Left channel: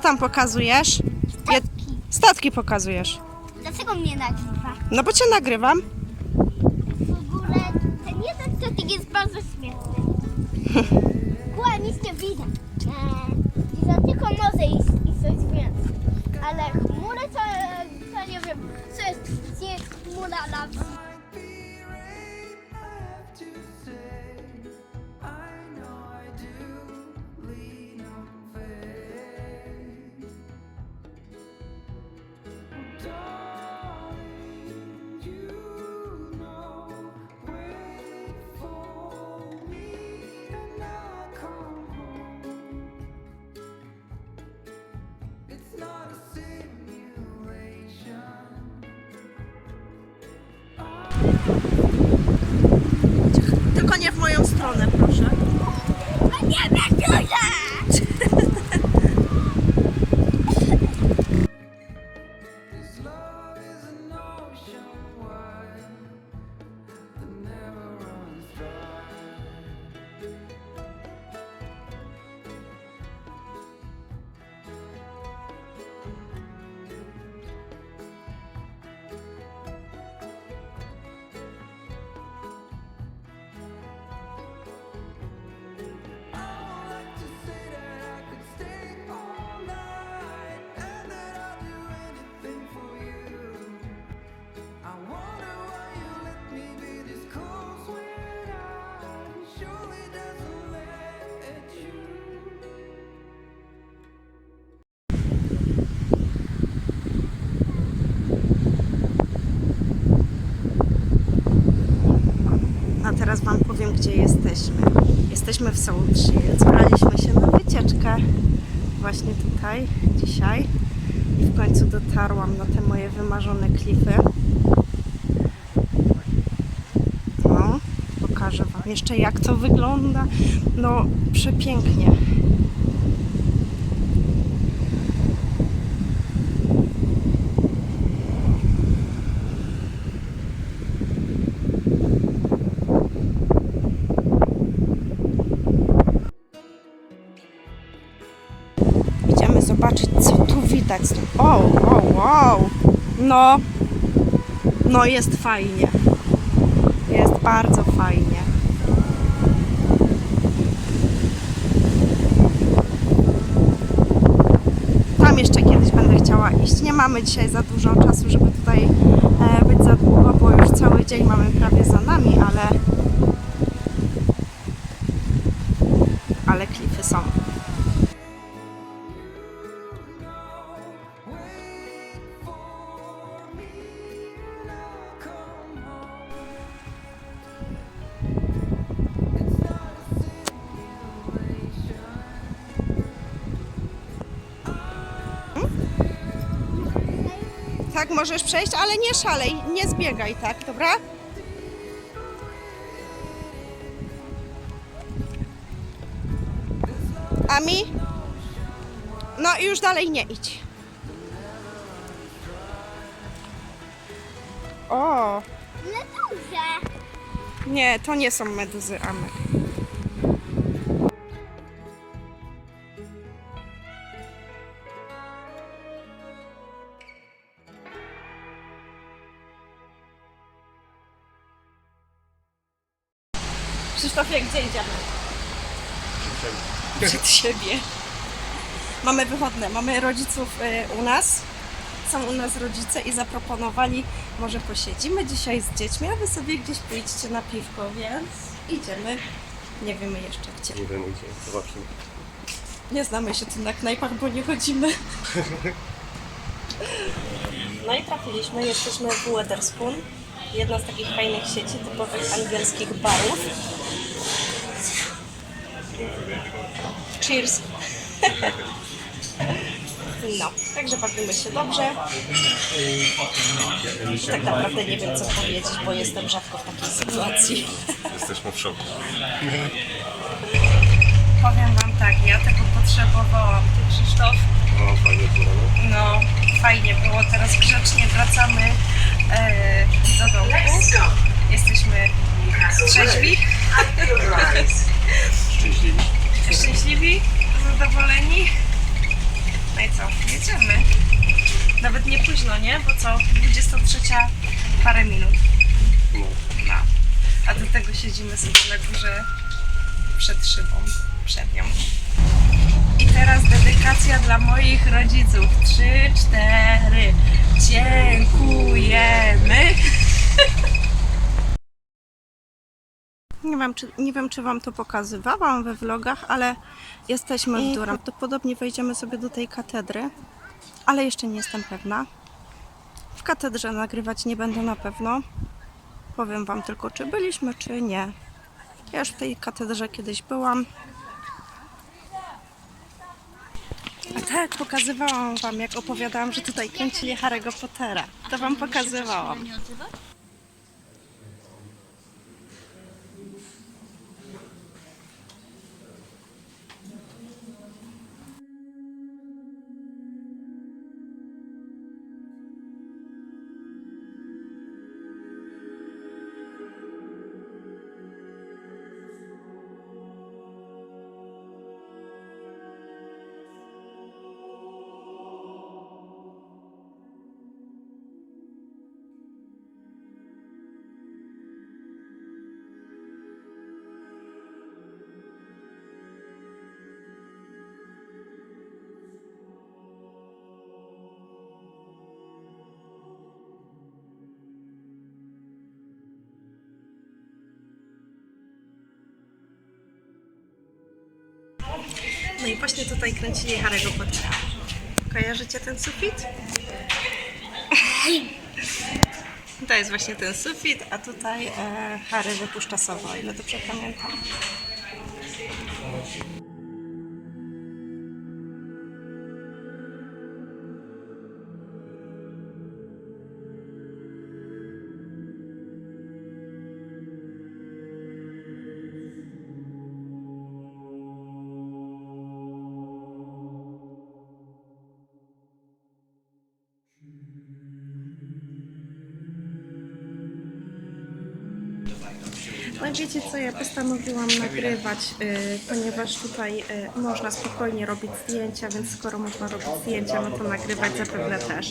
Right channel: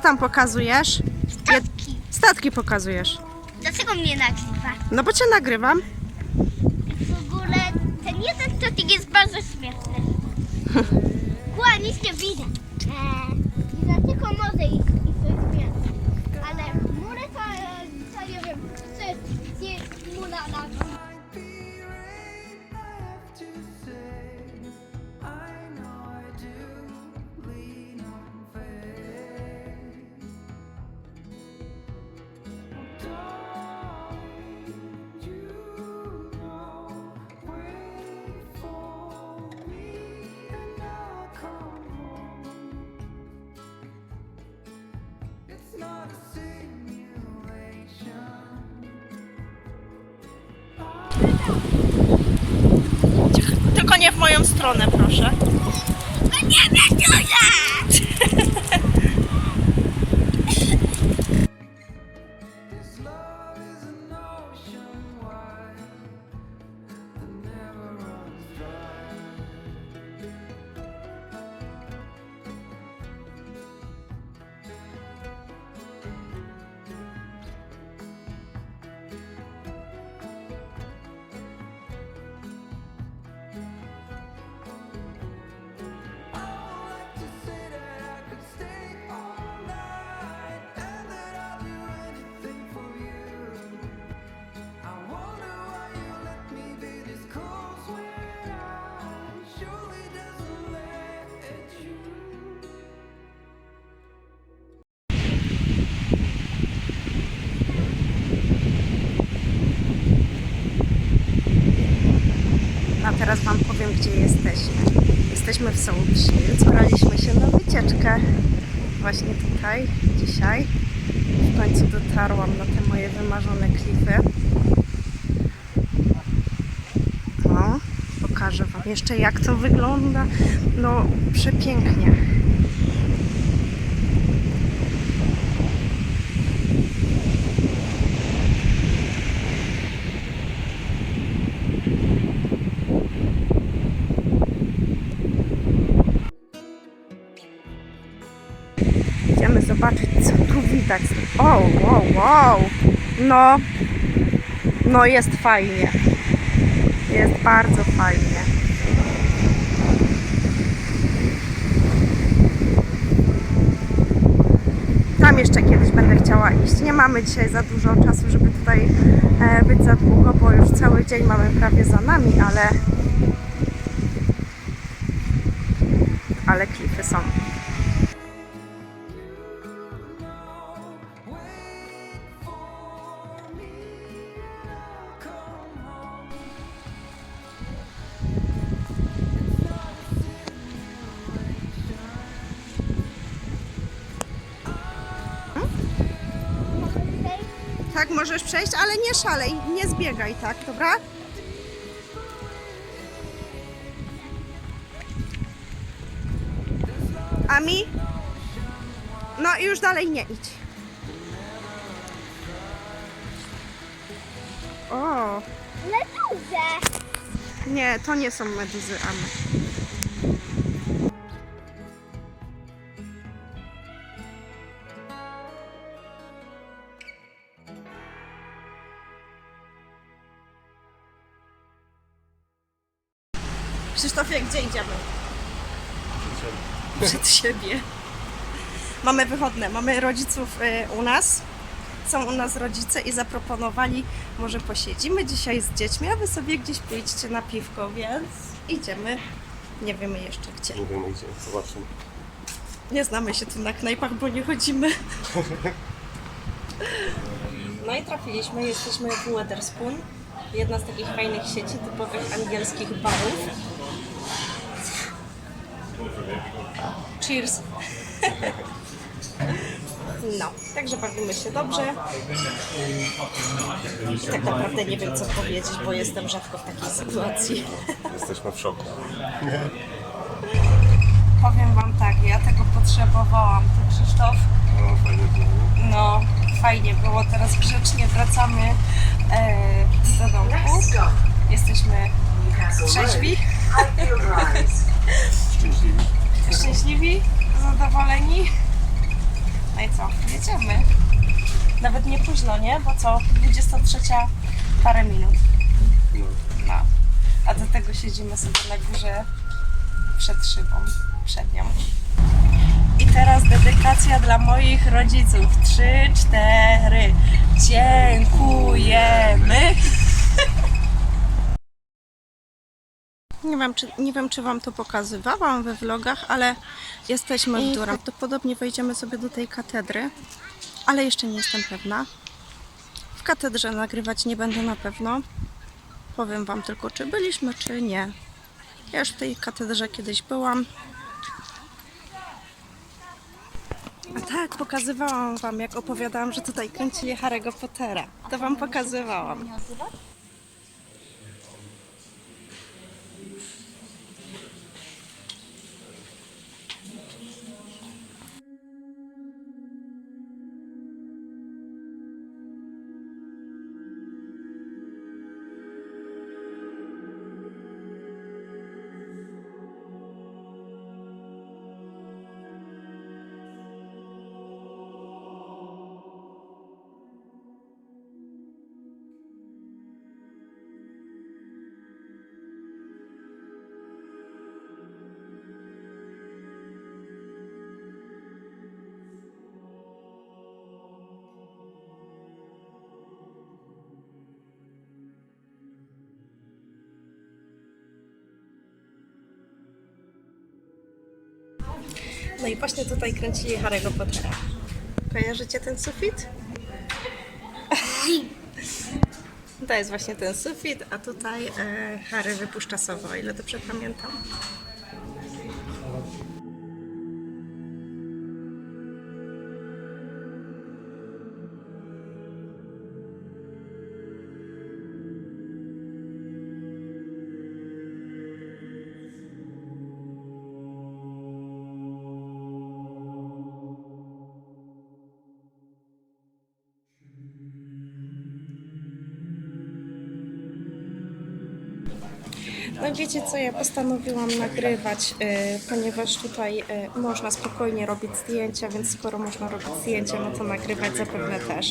tam pokazujesz? Je- Statki. Statki pokazujesz. Dlaczego mnie nagrywa? No bo cię nagrywam. W ogóle ten jeden statek jest bardzo śmieszny. Kła, nic nie widać. Eee, Za tylko może iść Tylko nie w moją stronę, proszę. No nie wiem, teraz Wam powiem, gdzie jesteśmy. Jesteśmy w Soul Shields. Braliśmy się na wycieczkę właśnie tutaj, dzisiaj. W końcu dotarłam na te moje wymarzone klify. O, pokażę Wam jeszcze, jak to wygląda. No, przepięknie. Tu widać. O, wow, wow. No, no jest fajnie. Jest bardzo fajnie. Tam jeszcze kiedyś będę chciała iść. Nie mamy dzisiaj za dużo czasu, żeby tutaj e, być za długo, bo już cały dzień mamy prawie za nami, ale ale klify są. Tak, możesz przejść, ale nie szalej, nie zbiegaj, tak, dobra? Ami? No i już dalej nie idź. O, Meduza! nie, to nie są meduzy, Ami. Gdzie idziemy? Przed siebie. Mamy wychodne, mamy rodziców y, u nas. Są u nas rodzice i zaproponowali, może posiedzimy dzisiaj z dziećmi, a wy sobie gdzieś pójdźcie na piwko, więc idziemy. Nie wiemy jeszcze gdzie. Nie wiem gdzie, zobaczymy. Nie znamy się tu na knajpach, bo nie chodzimy. No i trafiliśmy, jesteśmy w Weatherspoon. Jedna z takich fajnych sieci typowych angielskich barów. Cheers! No, także bawimy się dobrze. Tak naprawdę nie wiem co powiedzieć, bo jestem rzadko w takiej sytuacji. Jesteśmy w szoku. Powiem Wam tak, ja tego potrzebowałam. Ty Krzysztof? No, fajnie było? No, fajnie było. Teraz grzecznie wracamy e, co, jedziemy. Nawet nie późno, nie? Bo co, 23 parę minut. No. no. A do tego siedzimy sobie na górze przed szybą, przed nią. I teraz dedykacja dla moich rodziców. 3, 4. Nie wiem, czy, nie wiem, czy Wam to pokazywałam we vlogach, ale jesteśmy w Durham. Prawdopodobnie wejdziemy sobie do tej katedry, ale jeszcze nie jestem pewna. W katedrze nagrywać nie będę na pewno. Powiem Wam tylko, czy byliśmy, czy nie. Ja już w tej katedrze kiedyś byłam. A tak, pokazywałam Wam, jak opowiadałam, że tutaj kręcili Harry'ego Pottera. To Wam pokazywałam. No i właśnie tutaj kręcili Harry'ego Pottera. Kojarzycie ten sufit? To jest właśnie ten sufit, a tutaj e, Harry wypuszcza sowę, o ile dobrze pamiętam. No wiecie co, ja postanowiłam nagrywać, y, ponieważ tutaj y, można spokojnie robić zdjęcia, więc skoro można robić zdjęcia, no to nagrywać zapewne też.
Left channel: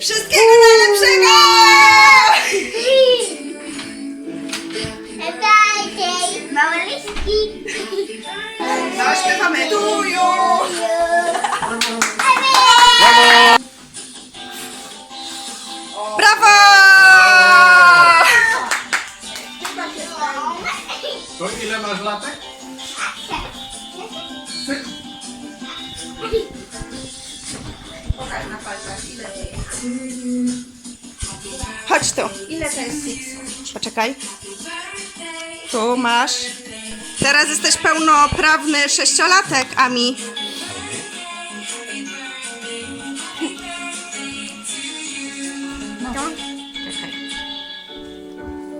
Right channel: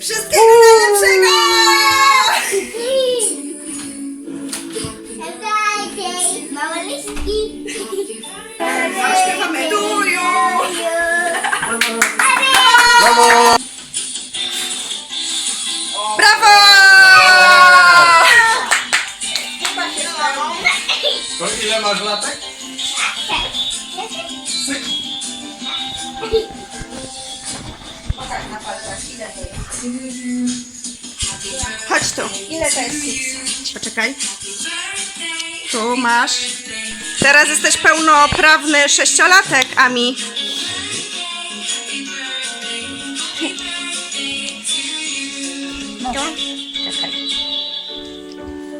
Wszystkiego najlepszego! Małe listki. Zaśpiewamy duju! Brawo! To ile masz latek? Chodź tu. Ile to jest Poczekaj. Tu masz. Teraz jesteś pełnoprawny sześciolatek, Ami.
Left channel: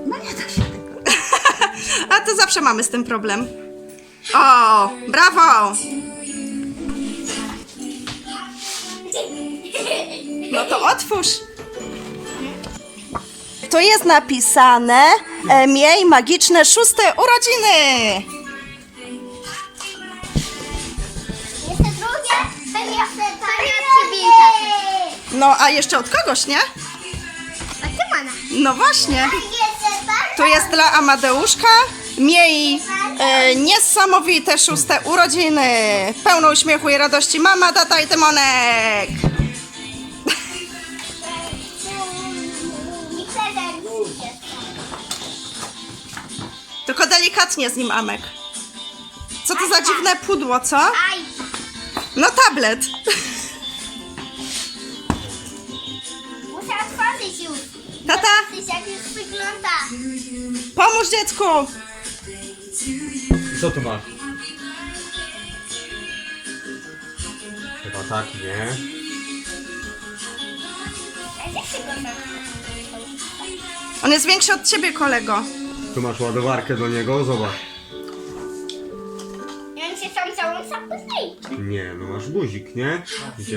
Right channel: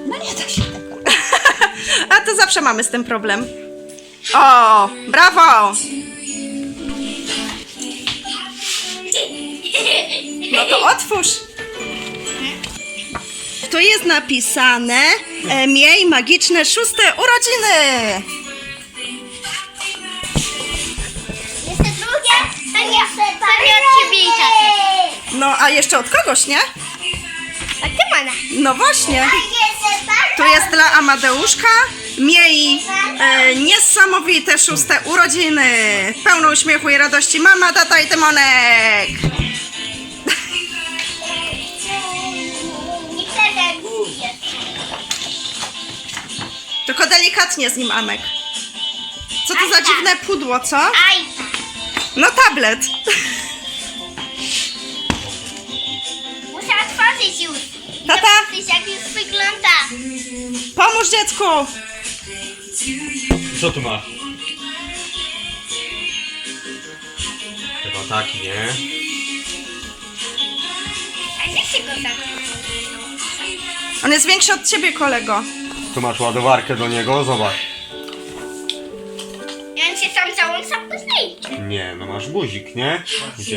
No nie da się tego. A to zawsze mamy z tym problem. O, brawo! No to otwórz. Tu jest napisane e, Miej magiczne szóste urodziny. Jeszcze drugie? Od ciebie i taty. No, a jeszcze od kogoś, nie? A ty mana. No właśnie. Tu jest dla Amadeuszka. Miej e, niesamowite szóste urodziny. Pełno uśmiechu i radości mama, tata i Tymonek. Tylko delikatnie z nim, Amek. Co to za dziwne pudło, co? Aj. No tablet. Muszę otworzyć już. Tata. zobaczyć jak już wygląda. Pomóż dziecku. Co tu masz? Chyba tak, nie? A gdzie się go tak? On jest większy od ciebie, kolego. Tu masz ładowarkę do niego, zobacz. Ja on się sam sam później. Nie, no masz guzik, nie? Gdzie?